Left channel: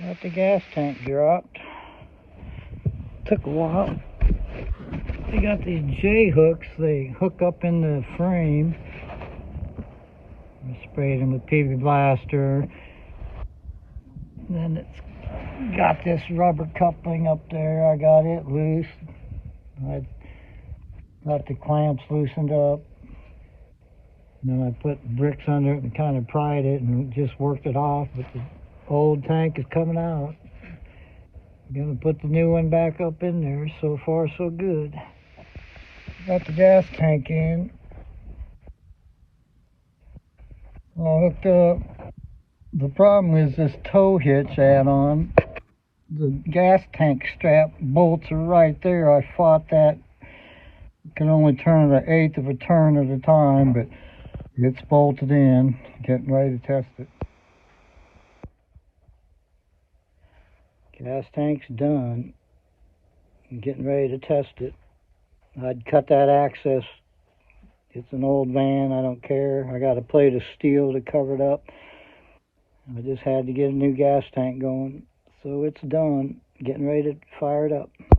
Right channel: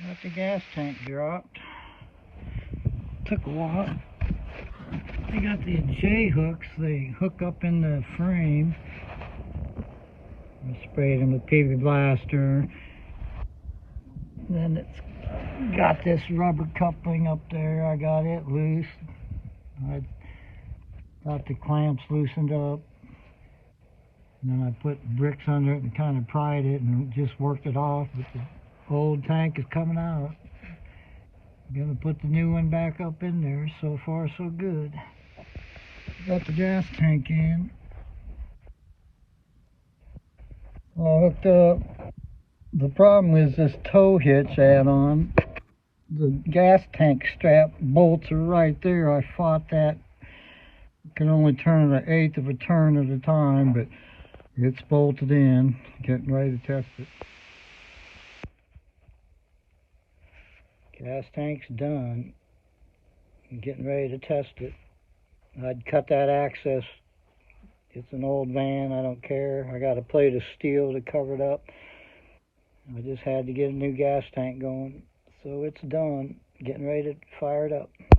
Got the gas tank dropped. Took a while. They got these J hooks. They hook up in the frame. I sprayed them with PV Blaster. Then it's got this rubber coupling up there. I got it loose. I got the clamps loosened up. And then I put bricks under it and kind of pried it and just worked it off. But the old tank is coming out. I'm gonna put the new one back up in there. So far, so good. Got the gas tank in. All hooked up. The problem is this tow hitch add-on. The gas tank strap bolts are right there. I fought that. Can only turn it 1/8 of a turn at a time, but it's bolted in. Getting ready to test it. Gas tank's done. I'm getting ready to test it. I'd cut that access. It's an old van, I don't care. I got a plate of steel to cover it up. I just had to get a new gas tank going. So it's done. Getting ready to fire it up.